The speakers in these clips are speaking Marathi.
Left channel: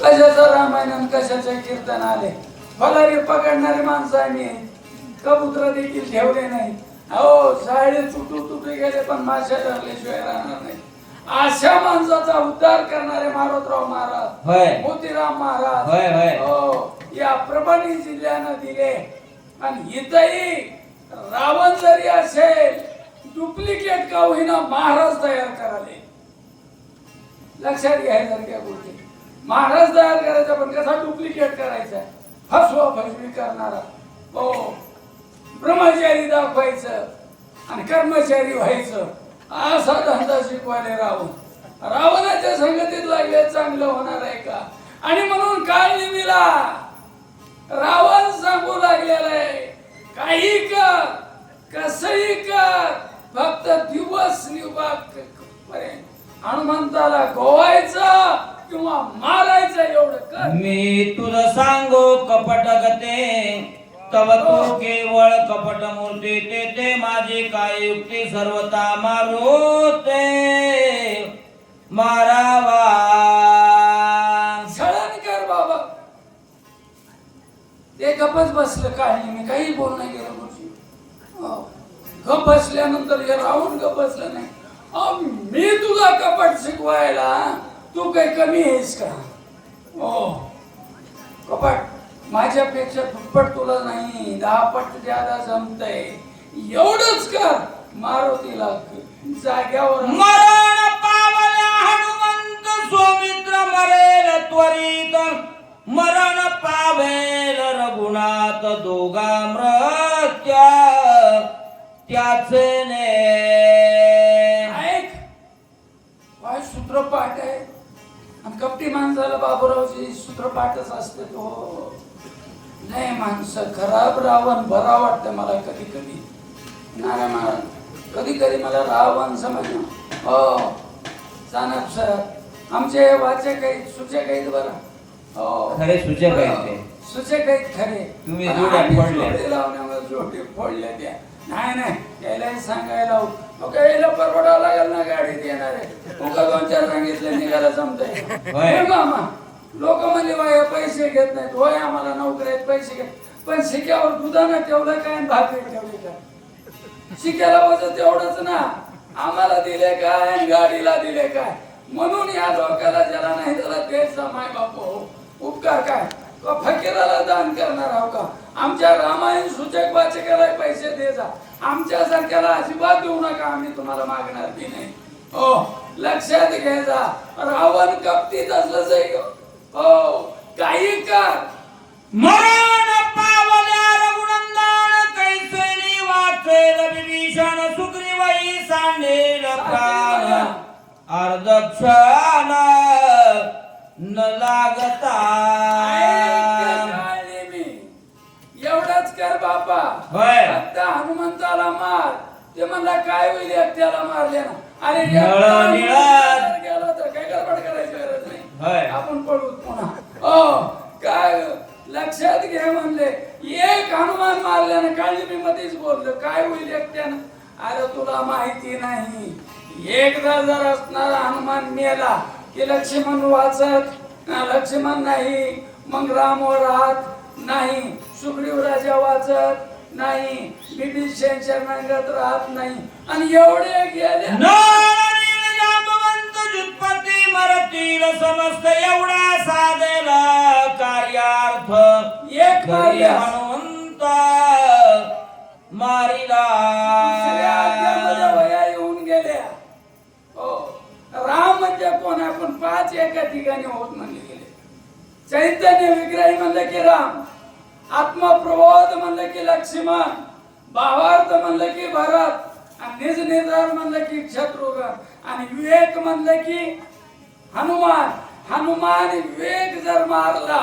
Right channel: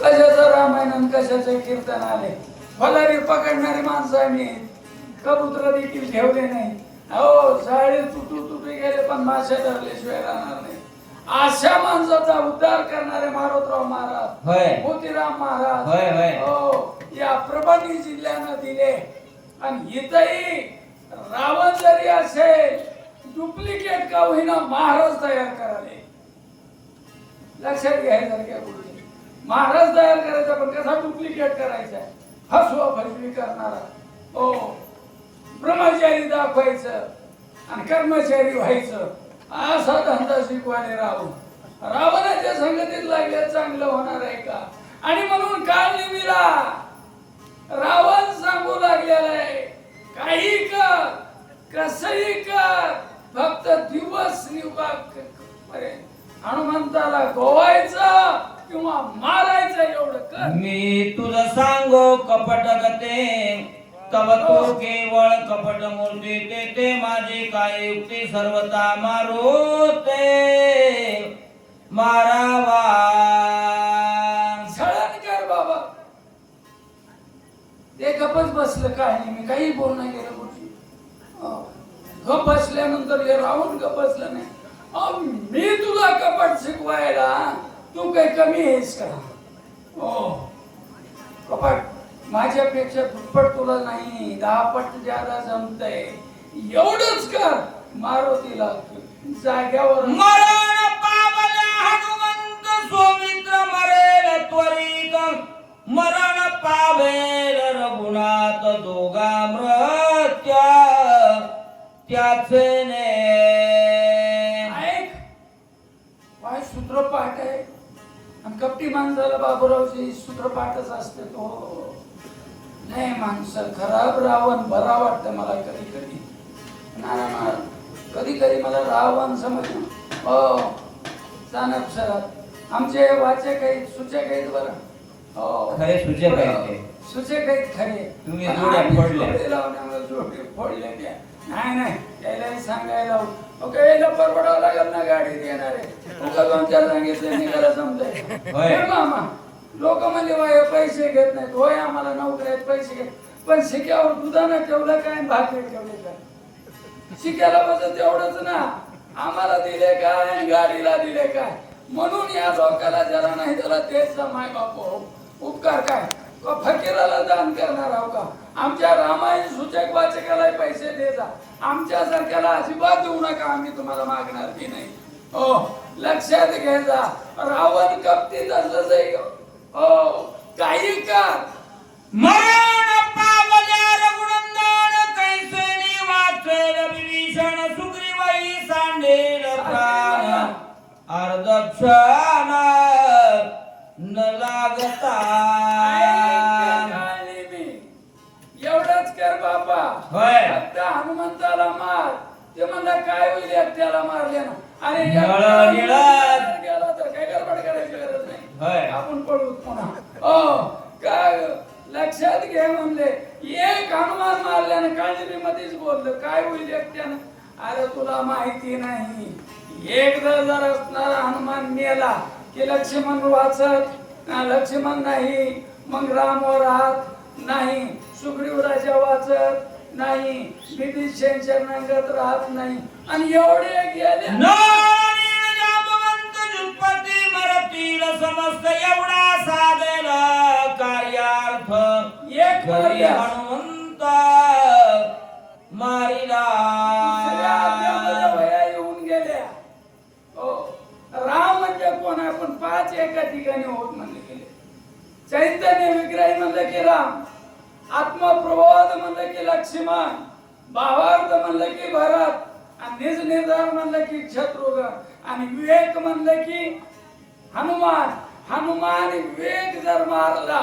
कशाचं रामायण आणि कशाचे कीर्तन आले? फलारी पकडणारी माणसं आहे मी. कबूतर देखील ठेवले नाही. हो साडे तुटू तुटू गेले पण माश्या धरल्याशिवाय राहणार नाही. अशा माणसाचा उद्धार करणारे मारोतराव महाराज होय. मोतीराम महाराज. हो या परभणी जिल्ह्यानं दिले. आणि इथंही रावण जरी असेल डुप्लिकेट का होईना महाराज तयार कराले लक्षात घ्यायसारख्या गोष्टी. महाराज तयार करायचा पण कसा डुप्लिकेट करायचा हा फसवी करणारा. हो. ब्रह्मचारी दाखवायचं आणि कर्मचारी व्हायचं. असा धंदा शिकवाले रावण. रावणाच्या संगतीत लागले चांगलं होणार आहे का? आणि म्हणून काय निमिला रावण सांगू लागलेला आहे काही कर कसही कर फक्त दिवस निवाक पर्यंत हनुमंताला गोवायचं किंवा मारायचं एवढं कर. मी तुला सांगो कपट गते. तव तो केवळ कपट मूर्ती ते ते माझी काय युक्ती सर्वता मारू ते मारावा. सळण कर बाबा. ते गपच बसलं काय मी काही बोल नाही गेलं हो. गप बसल्यानंतर हे राहून गप बसलं नाही. मी तुला कपट शिकवायला तू काही कमी आहेस का? हो. कपट माझ्यापेक्षा दुप्पट तुला नाही दहा पट ज्यादा जमतय एवढंच कर मारुतीला जाग्यावर. मरण पावला हनुमंत सोमित्र मरेल त्वरित. मरण पावेल रघुनाथ दोघा मृत्या त्याचे ने ऐक काय सूत्रपाठ आहे आणि कपटी माणसाला बाबूरावची सूत्रपाठच असते तो. नाही माणसं खराब रावण बरा वाटतं मला कधी कधी. नाही मला कधी कधी मला रावण समज हो. चाणक सर आमचे वाचे काही सूचक आहेत बरं? हो. खरे सूचक आहेत ते. सूचक आहेत खरे. तुम्ही जोड्या. जोडी लावण्यावर जोडी फोडल्या त्या. नाही नाही. त्यालाही सांगायला ओके याला परवडावं लागेल ना गाडी देणार आहे. दोन चार सांगितले होय. हे मामा लोक म्हणजे वाया पैसे घेत नाहीत. होय आम्हाला आहेत पैसे घेत पण शिक्यावर दुधानं ठेवलं काय भाकरी ठेवली काय शिक्याला वजन तेवढंच ना. आम्हाला दिले काय गाडीला दिले काय? म्हणून या लोकाला ज्याला नाही त्याला तेच माय बाप हो. उपकार काय? फकीराला दान करणार आहो का? आमच्या रामायण सूचक वाचकाला पैसे द्यायचा आमच्या सारख्याला अजिबात देऊ नका आम्ही तुम्हाला मागणार की नाही. हो लक्षात घ्यायचा रावण कपतीत असलं हो काही का मरण पावल्या रघुनंदन कैसेनी वाचेल विभीषण सुग्रीवही सांडेल प्राण. अर्धक्षणा न लागता. एवढंच कर बाबा. होय. फक्त हनुमंताला मार. ते म्हणला काय होईल एकट्याला मारले ना अरे नळ एकटा निळा. गेला तर काय गडबड करायची गरज होय. नाही आपण पडू पुन्हा. हो काय लक्षात घे म्हणले. एक हनुमान मारल्यानं काळजी मध्येच बोललं. काय होईल एकट्यानं? अरे तुला माहिती नाही. एकदा जर असणारा हनुमान मेला की लक्ष्मण वाचत लक्ष्मण नाही मग राम राहत नाही सुग्रीव राजा वाचत नाही विभीषणच्या नांगत राहत नाही. आणि एवढे गेले. मरतील समस्त एवढा साधेला कार्यार्थ. एक. हनुमंत. चैतन्य विग्रही म्हणलं की राम आत्मप्रबोध म्हणलं की लक्ष्मण भावार्थ म्हणलं की भरत आणि निज निर्धार म्हणलं की शत्रुघ्न आणि विवेक म्हणलं की हनुमान. हनुमान विवेक जर मारला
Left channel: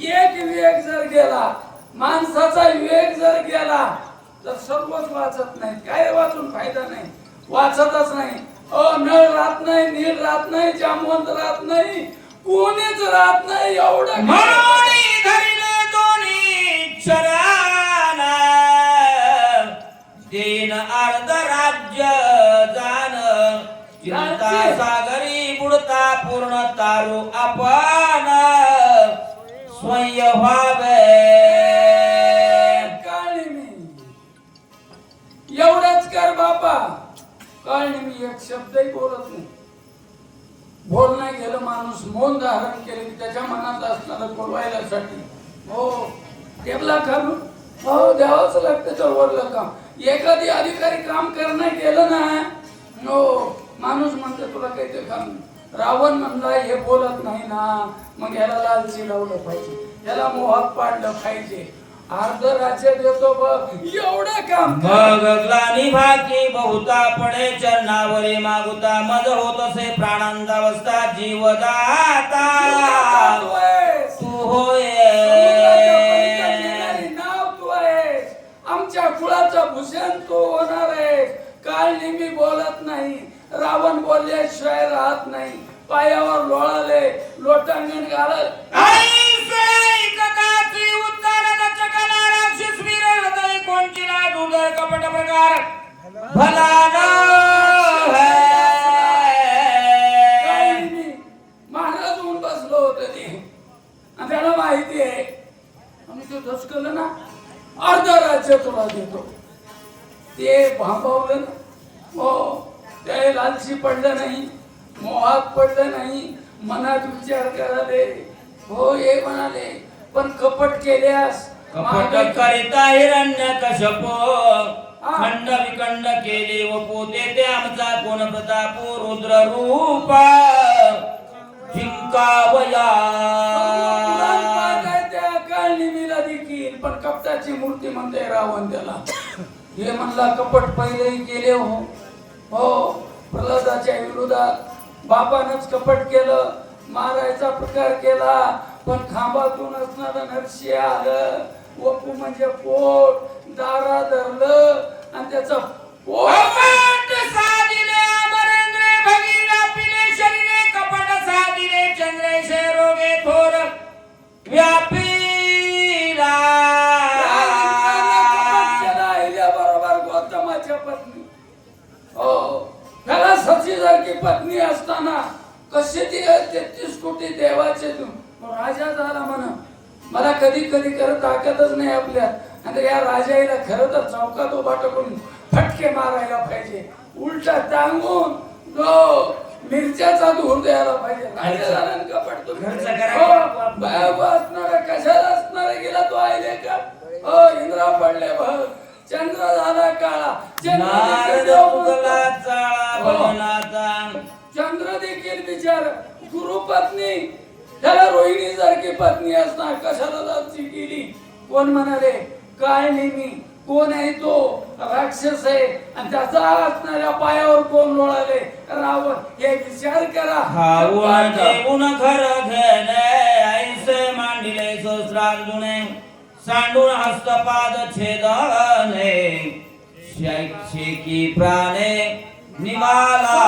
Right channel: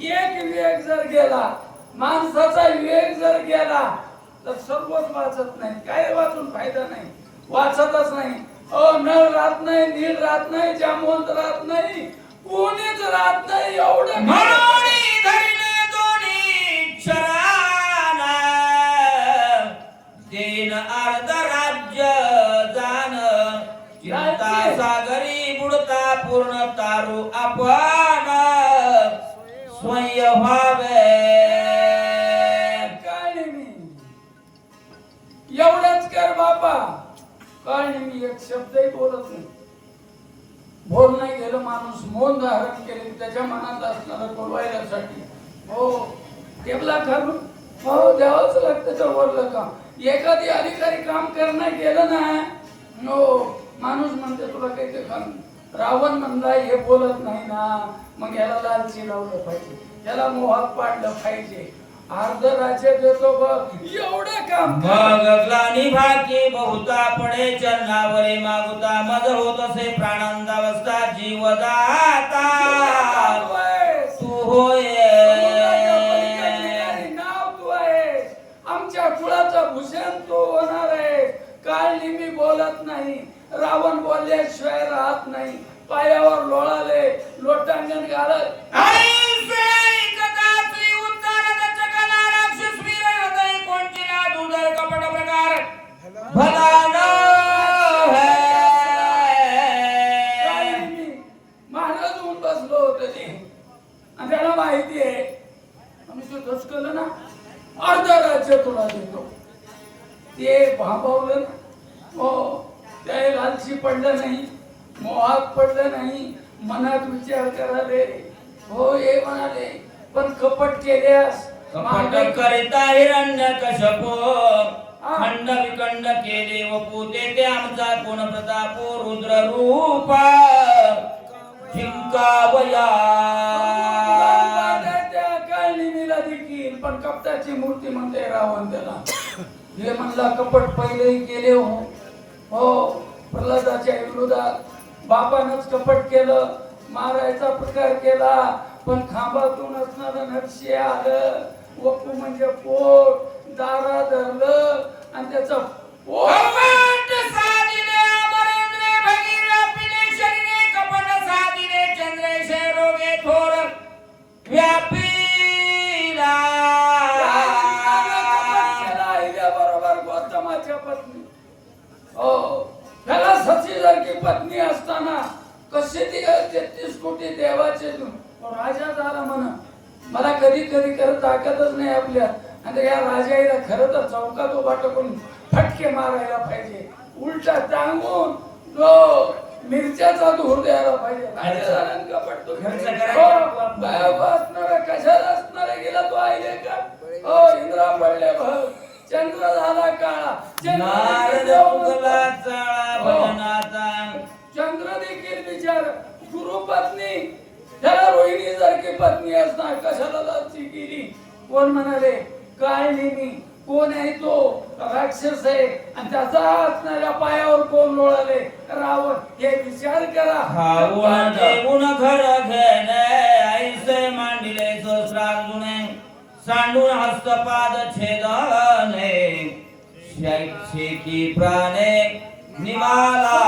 एक विवेक जर गेला माणसाचा विवेक जर गेला तर सर्वच वाचत नाही काय वाचून फायदा नाही? वाचतच नाही. अ नळ राहत नाही नील राहत नाही जामवंत राहत नाही. कोणीच राहत नाही एवढं. म्हणून धरिले दोन्ही क्षराना देन अर्ध राज्य जाण. चिंता राज्य. सागरी बुडता पूर्ण तारू आपण. स्वय व्हावे. काळी मी. एवढंच कर बापा. काळी मी एक शब्दही बोलत नाही. बोल नाही केलं माणूस मौन धारण केले त्याच्या मनात असणारं बोलवायसाठी. हो टेबला ठरवून हो द्यावंच लागतं चळवळलं काम. एखादी अधिकारी काम करणं केलं ना हो माणूस म्हणतो तुला काही ते काम रावण म्हणला हे बोलत नाही ना. मग याला लाल चिडवलं पाहिजे. याला मोहात पाडलं पाहिजे. अर्ध राज्य देतो बघ. एवढं काम कर. मग ग्लानी भाकी बहुता पडे चरणावरी मागुता. मज होत असे प्राणांदावस्था जीव दाता तू होय नाव तू आहेस. आमच्या कुळाचं भूषण तू होणार आहेस. काल नेहमी बोलत नाही. रावण बोलल्याशिवाय राहत नाही. पायावर लोळाले. लोटांगण घालत पण कपटाची मूर्ती म्हणते रावण त्याला. हे म्हणला कपट पहिलेही केले हो. हो प्रल्हादाच्या विरोधात बाबानच कपट केलं मारायचा प्रकार केला पण खांबातून असणार नरशी आलं. वपू म्हणजे पोट दारा धरलं आणि त्याचं पोट पत्नी असताना कशी ती तेहतीस कोटी देवाचे तू राजा झाला म्हणा. मला कधी कधी करत ताकदच नाही आपल्यात आणि या राजाईला खरं तर चौकात उभा टाकून फटके मारायला पाहिजे. उलटा टांगून तो मिरच्याचा धूर द्यायला पाहिजे. कपट तो- हो, असणारा कशाला असणारा गेला तो आईले का? हो इंद्रा पडले बघ चंद्र झाला काळा. चंद्र देखील हो. विचार गुरुपत्नी त्याला रोहिणी सारखी पत्नी असणार कशाला केली कोण म्हणाले काय नेहमी कोण आहे तो? राक्षस आहे. आणि त्याचा असणाऱ्या पायावर कोण लोळाले? रावण. हे विचार करा. खाऊन जेवून घर घेणे ऐसे मांडिले सहस्रार्जुने सांडून हस्तपाद छेदने. शैक्षिकी प्राणे निमाला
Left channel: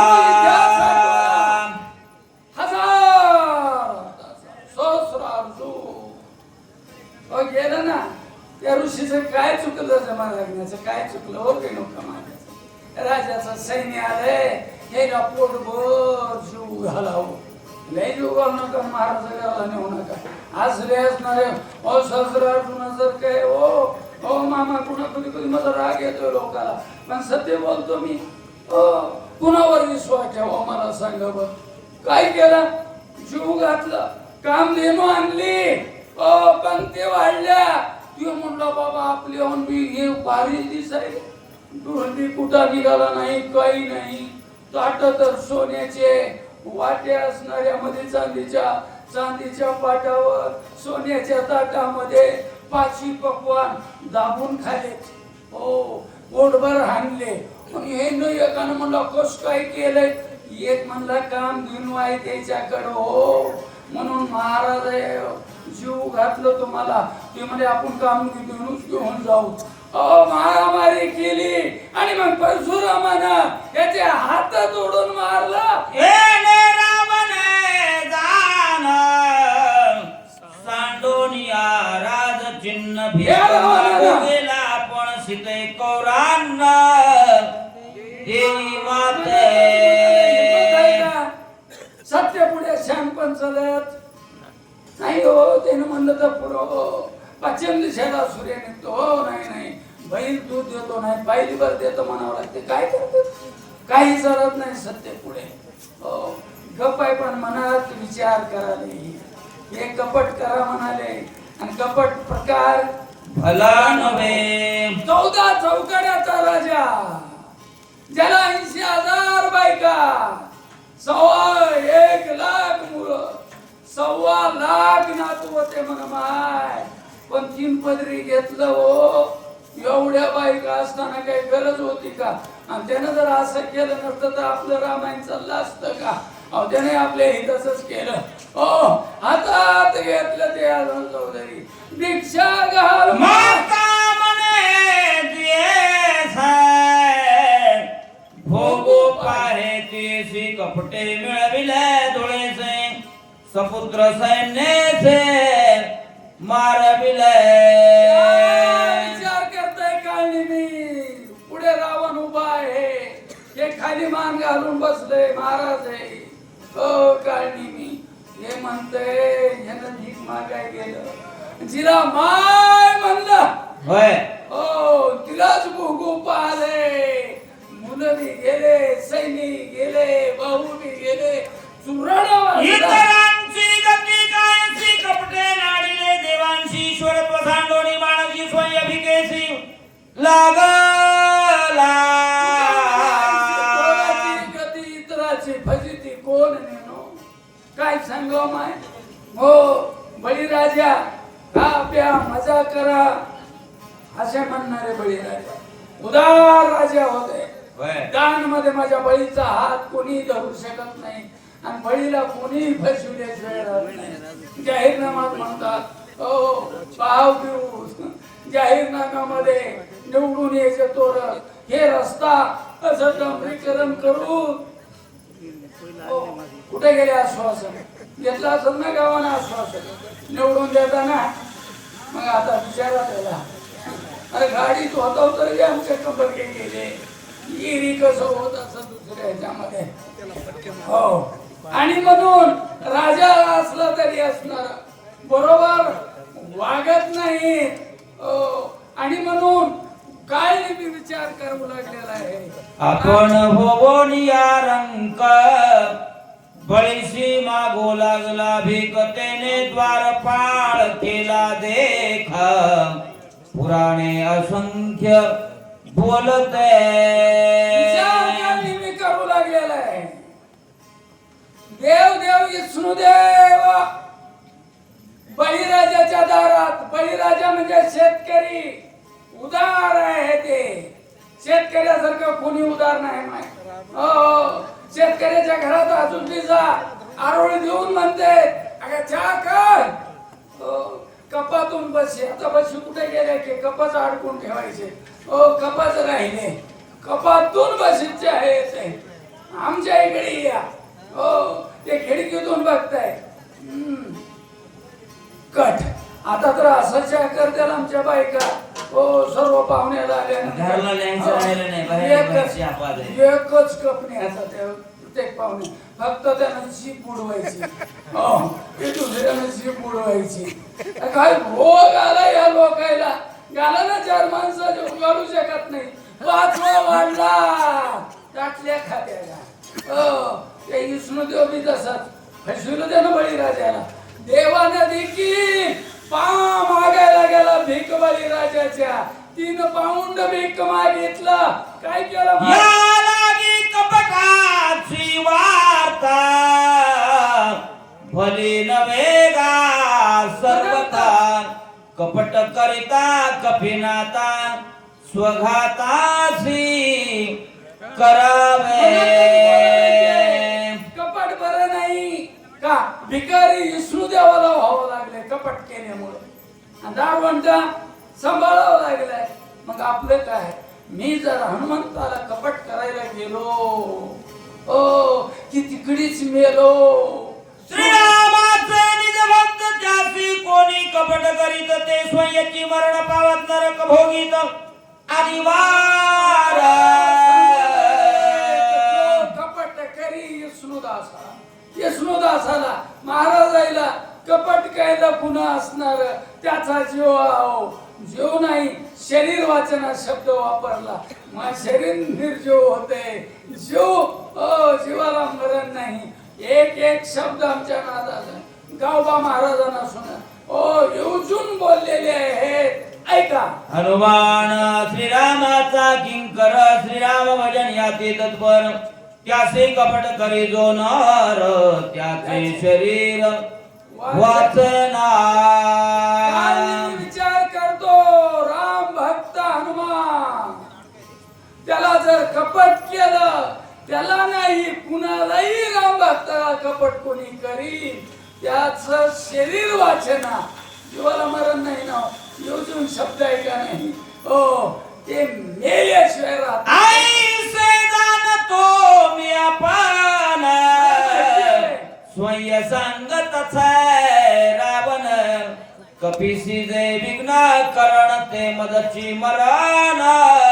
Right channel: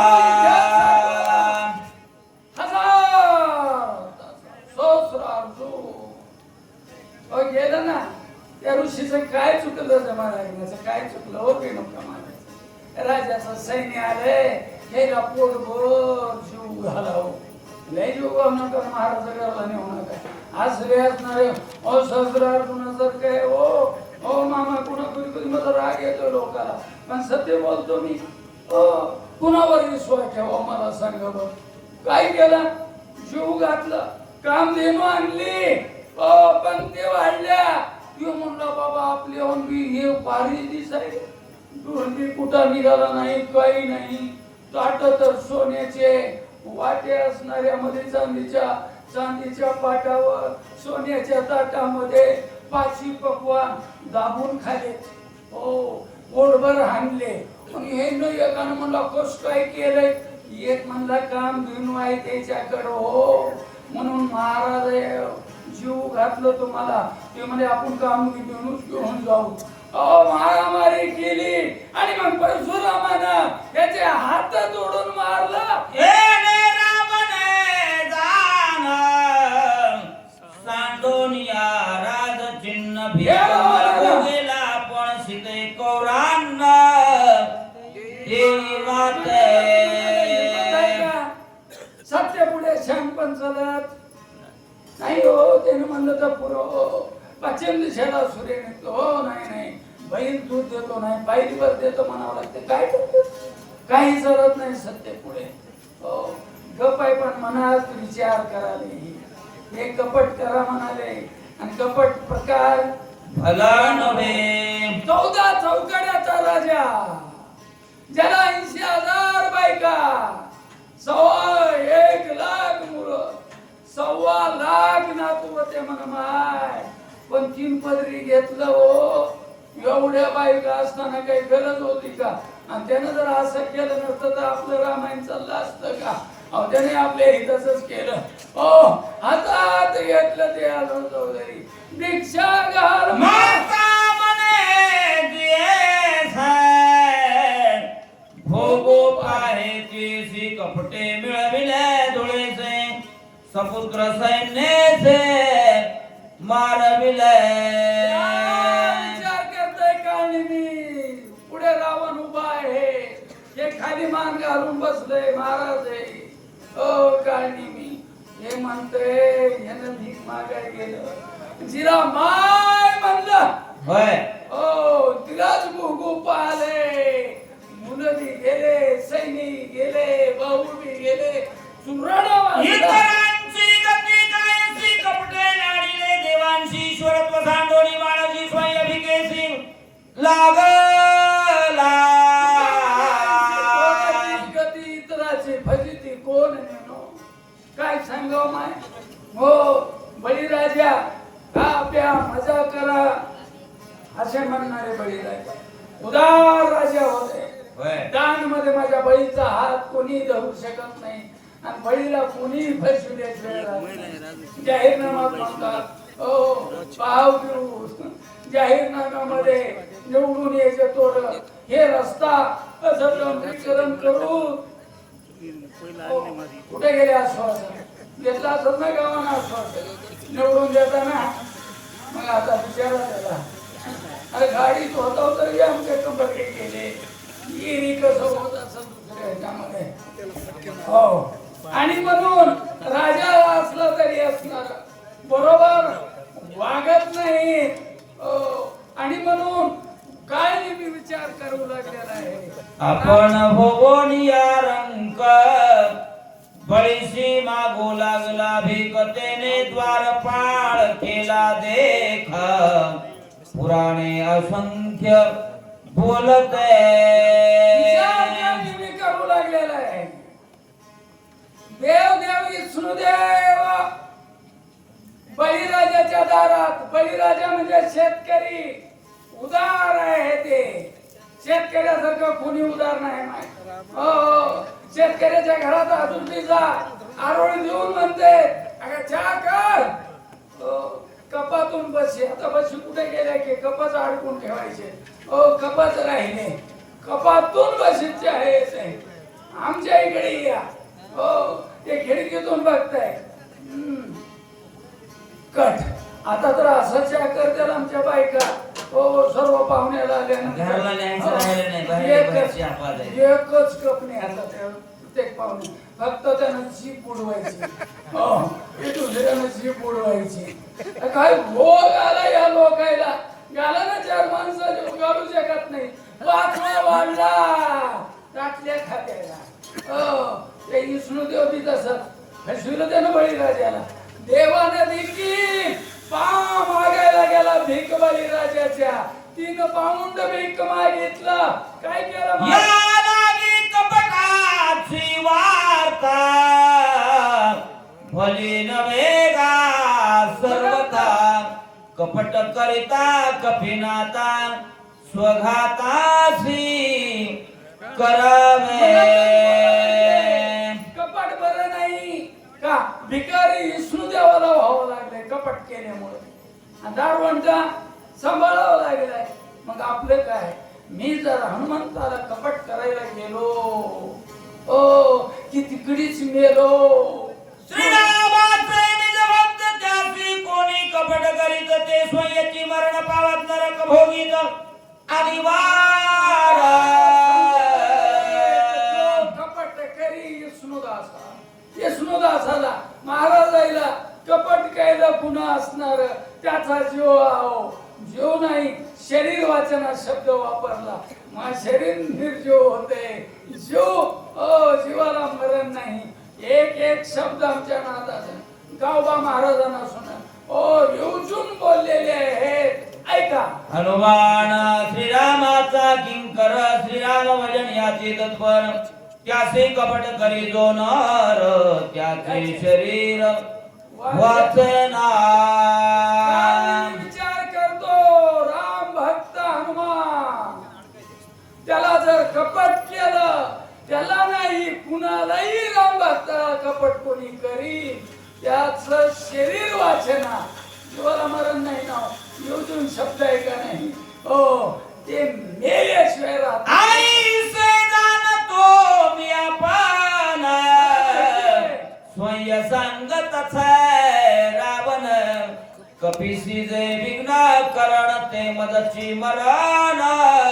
हो गेलं ना. त्या ऋषीचं काय चुकलं जमा लागण्याचं काय चुकलं? हो रेणुका नव्हतं राजाचं सैन्य आलंय हे पोट भर जीव घालावं. लय जीव घालू नका महाराजाला नेऊ नका. आज रे असणारे ओ सहस्रार्जुन जर काय ओ ओ मामा कुणा कधी कधी मला राग येतो लोकाला. पण सत्य बोलतो मी. कुणावर विश्वास ठेवा मला सांग बघ काय केलं? जीव घातलं. काम देणू आणली. ओ ते वाढल्या. तू म्हणला बाबा आपले होऊन मी हे भारी दिसाय दुर्मी कुठं निघाला नाही काही नाही. ताट तर सोन्याचे. वाटे असणाऱ्या मध्ये चांदीच्या चांदीच्या पाटावर सोन्याच्या ताटामध्ये पाचवी पकवान दाबून खाले. हो पोटभर हाणले. पण हे न एकानं म्हणला कस काय केलंय? एक म्हणला काम घेऊन आहे त्याच्याकडं हो. म्हणून महाराज जीव घातलं तुम्हाला. ते म्हणजे आपण काम घेऊनच घेऊन जाऊ. अहो मारामारी केली आणि मग परशुरामानं त्याचे हात तोडून मारला. म्हणलं तर पुरव पश्चिम दिशेला सूर्य निघतो. हो नाही नाही. बैल दूध देतो नाही बैलवर देतो म्हणावं लागते. काय करतो? काही जरत नाही सत्य पुढे. हो गप आहे पण मनात विचार कराले हे कपट करा म्हणाले. आणि कपट प्रकार भला नव्हे चौदा चौकड्याचा राजा. ज्याला ऐंशी हजार बायका. सव्वा एक लाख मुलं. सव्वा लाख नातू होते मग माय. पण तीन पदरी घेतलं हो. एवढ्या बायका असताना काही गरज होती का? आणि त्यानं जर असं केलं नसतं तर आपलं रामायण चाललं असतं का त्याने आपल्या हिताच केलं. हो हातात घेतलं सैनिक गेले भाऊ गेले चुरण मध्ये निवडून यायचं तोर हे रस्ता असं डांबरीकरण करून हो, कुठे गेले आश्वासन? घेतला असेल ना गावानं आश्वासन? निवडून देताना? मग आता विचारा त्याला. अरे गाडीत होता तरी आमच्या कंबर काही गेले. गिरी कसं होत असं दुसऱ्या ह्याच्यामध्ये? हो. आणि म्हणून राजा असला तरी असणार. बरोबर? वागत नाही. हो. आणि म्हणून काय मी विचार करू लागलेला आहे? आपण होवनिया रंक बळीशी मागू लागला भिकतेने द्वारपाळ केला देख. पुराणे असंख्य बोलते. मी करू लागलेला आहे? देव देव विष्णू देव. बळीराजाच्या दारात बळीराजा म्हणजे शेतकरी. उदार आहे ते. शेतकऱ्यासारखं कोणी उदार नाही हो, हो शेतकऱ्याच्या घरात अजून जा. आरोळी देऊन म्हणते अगं चहा कर. हो, कपातून बस कपाशी बशी कुठे गेले की कपाच अडकून ठेवायचे. हो कपाच राहिले. कपातून बशीचे आहे ते. आमच्या इकडे या. हो ते खिडकीतून बघताय. हम्म. कट. आता तर असं चहा करतात आमच्या बायका. सर्व पाहुणे घराला न्यायचं राहिलं नाही, बाहेर एकच घरची आपाद आहे. एकच कप न्यायचा त्या प्रत्येक पाहुणे. फक्त त्यानं जीप उडवायची हो ते दुसऱ्यानं जीप उडवायची काय भोग आला या लोकायला? गाला ना चार माणसं घालू शकत नाही. पाचवा वाढला. टाकल्या खात्याला. हो ते विष्णुदेव बी तसंच. फसविलं त्यानं बळीराजाला. देवानं देखील पाव मागायला गेला भीक राजाच्या. तीन पाऊंड भिक मागितला. काय केलं या लागी कपटाची वार्ता कपट करिता कपिनाता स्वघातासी कर दारवंटा सांभाळावं लागलाय. मग आपलं काय? मी जर हनुमंताला कपट करायला गेलो ओ की तिकडीच मेलो. श्री नर त्याचे शरीर वाचना विचार करतो राम भक्त हनुमान. त्याला जर कपट केलं त्याला नाही कुणालाही राम भक्ताला कपट कोणी करी त्याच शरीर वाचना जीवाला मरण नाही ना योजून शब्द आहे का नाही. हो ते मेल्याशिवाय राहत स्वय सांगत रावण. कपिसी जे विघ्न करण ते मदची मरण.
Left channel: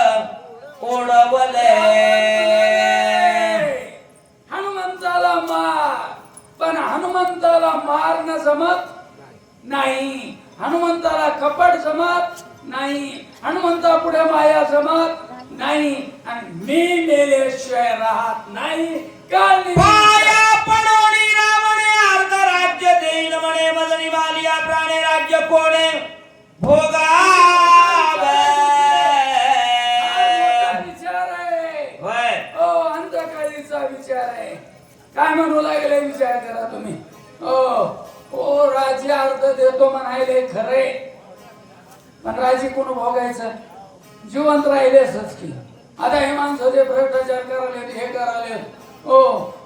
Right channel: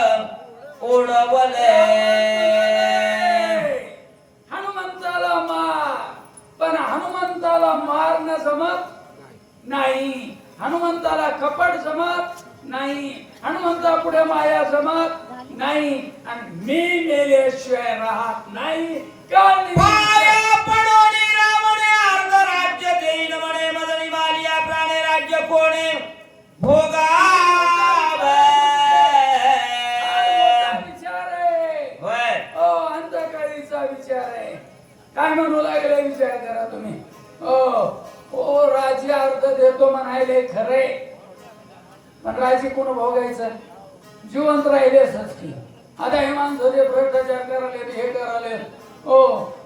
पण राजे कोण भोगायचं जिवंत राहिलेच की. आता हे माणसं जे भ्रष्टाचार करायले हे करायले हो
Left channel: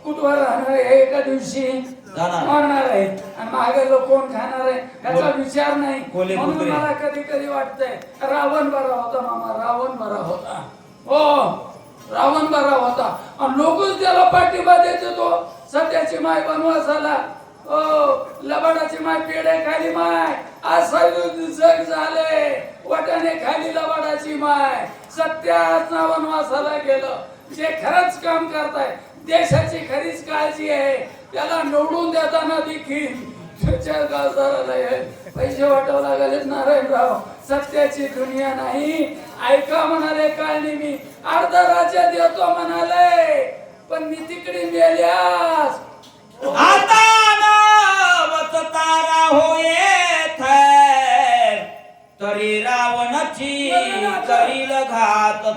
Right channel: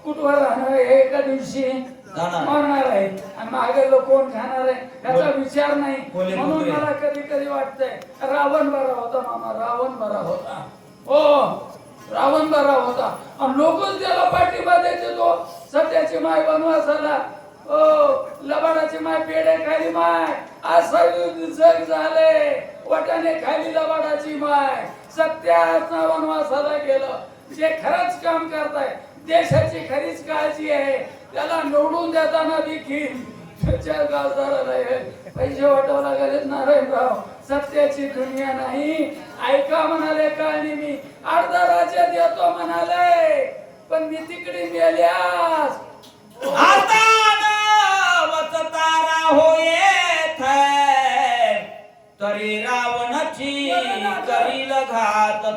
कुठवर राहणार हे एका दिवशी. मारणार आहे आणि मागे लोक कोण खाणार आहे? याचा विचार नाही. म्हणून. मला कधी कधी वाटतंय रावण बरा होता मामा रावण बरा होता. हो रावण बरा होता. आणि लोकच त्याला पाठिंबा देते तो सत्याची माय बनवास आला ओ लबाडाची माय पेडे खाली माय. आज जग झाले. वटाने खाली लबाडाची माय. सत्याच वनवासाला गेलं. जे खरंच काम करताय देशाची खरीच काळजी आहे त्याला निवडून देताना देखील पैसे वाटावं लागले नारायणराव. सत्याची दुनिया नाही. ऐका म्हणाले काळणी मी अर्धा राज्य देतो म्हणाले. पण मी तिकडे गेल्यास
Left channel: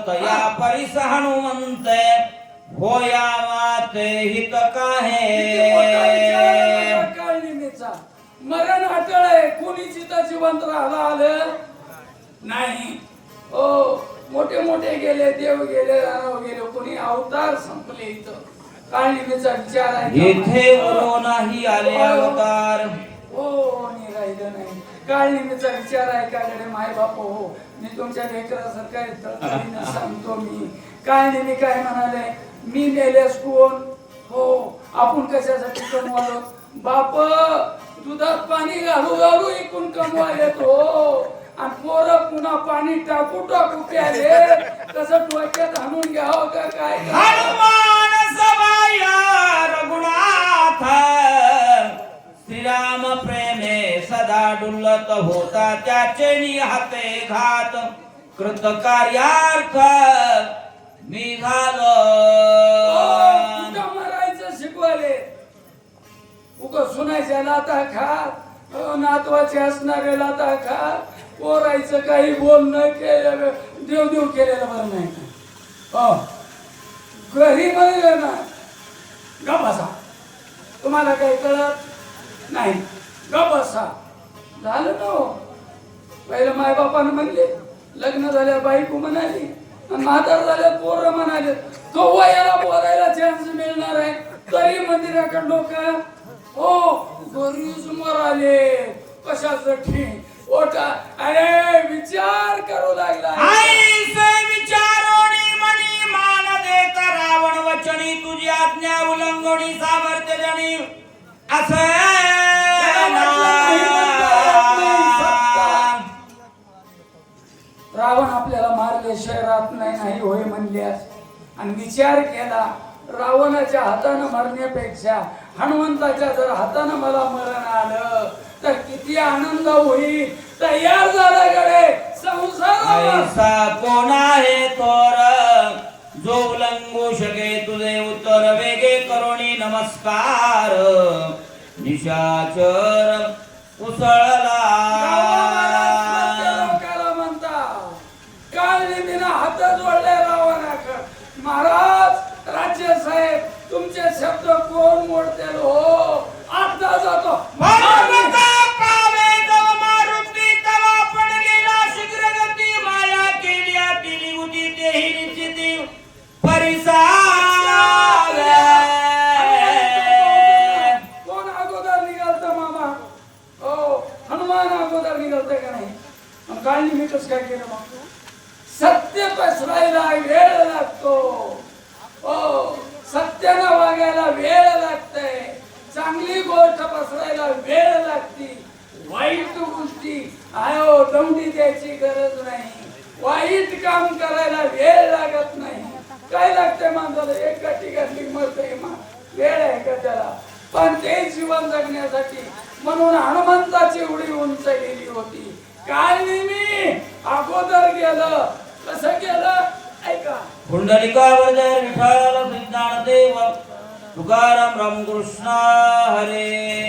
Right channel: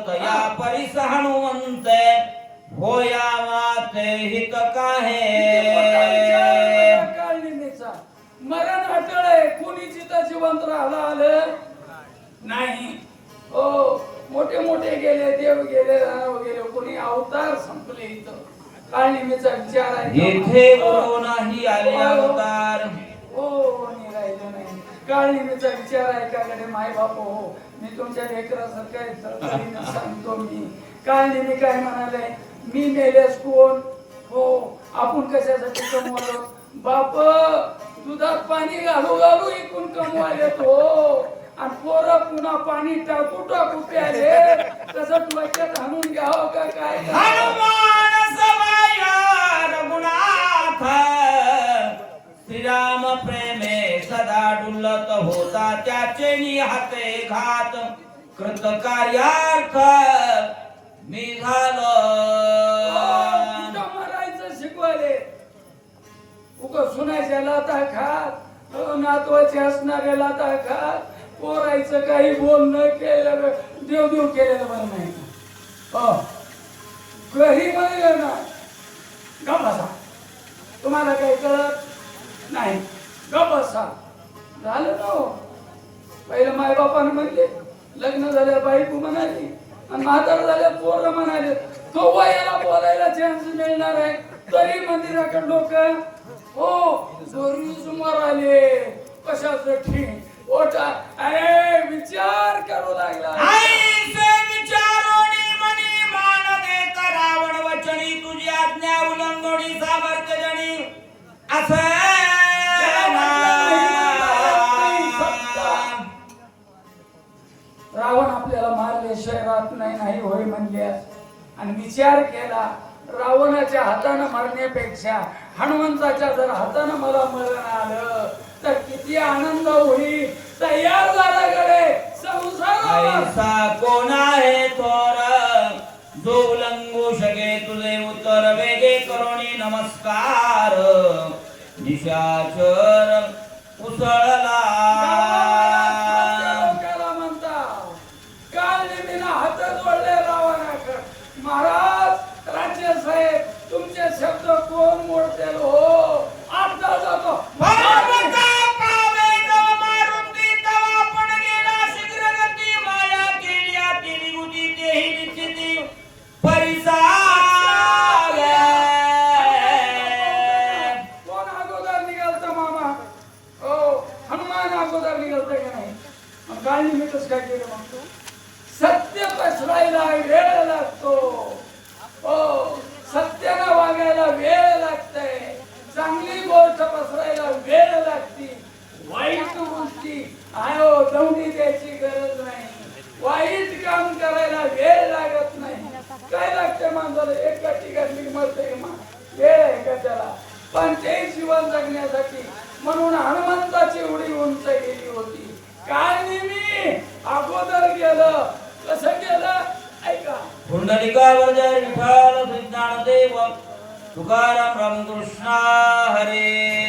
तया परिस हनुमंत होयावा ते हित काहे। मरण अटळ आहे कोणी चिता जिवंत राहिला आलं? नाही. हो मोठे मोठे गेले देव गेले राव गेले कोणी अवतार संपले इथं. काळनिमीचा विचार आहे? येथे वरो नाही आले अवतार. हो मी राहिलं नाही. काळनिमीचा विचार आहे? काकडे माय बाप हो. मी तुमच्या लेकरासारखा आहे, सांगतो मी. काळनिमी काय म्हणाले मी मेलेस कोण? हो आपण कशासाठी कमवालो बाप दुधात पाणी घालू घालू इकून कमवाले तो आणि पोरं पुन्हा पाणी टाकू टाकू प्याले कसं डोक्यात हाणून घ्यावं का काय? हनुमान सभाया रघुनाथ श्रीराम प्रेम सदा डुलत होता त्याचे निहाते घात. कृत कार्यार्थ मी झालो मरायचं मारायचं शिकवाले? उग सुनायच्या लाता खात नातवाचे असणारे लाता खात. पोरायचं काही बोल न केलं देव देव केलेलं बरं नाही. हो घरी बरं ना. गप असा तुम्हाला काही कळत नाही. गप असा झालं ना पहिले पहिलं मायबापानं म्हणले लग्न झाल्या बायको म्हणाली आणि म्हातार झाल्या पोरं म्हणाले कव्वा याला बोलायला चान्स मिळणार आहे. तरी मंदिराकडे लोक हो घरी सुमार आले. कशाच ठीक? मरण्यापेक्षा हनुमंताच्या जर हातानं मला मरण आलं तर किती आनंद होईल. तयार झाल्याकडे संसार ऐसा कोण आहे जो उलंगू शके तुझे उतर वेगे करुणी नमस्कार. निशाचर उसळला लोकाला म्हणतात काल निमिना हात जोडले रावणाकडे महाराज राज्य साहेब तुमचे शब्द कोण मोडतील हो आता जातो भारता पावे नव मारुती तवा पण गेला शीघ्रगती माया केल्या केली होती तेही निश्चिती परिसाव्या कोण अगोदर निघालता मामा हो हनुमान अगोदर निघालते का नाही शब्द कोण हो, हो, निमित्तच काय आता जातो सत्य पसरायला वेळ लागतो. हो. सत्यानं वागायला वेळ लागते चांगली गोष्ट पसरायला वेळ लागते. वाईट गोष्टी आयो दौंडी द्यायची गरज नाही. वाईट काम करायला वेळ लागत नाही. काय लागते माणसाला? एक गटी घातली मरते मग वेळ आहे का त्याला? पण ते जीवन जगण्यासाठी म्हणून हनुमंताची उडी उंच गेली होती. काय मी अगोदर गेलं कसं गेलं ऐका विठाल जय सिद्धार्थ देव. तुकाराम रामकृष्णा हरे।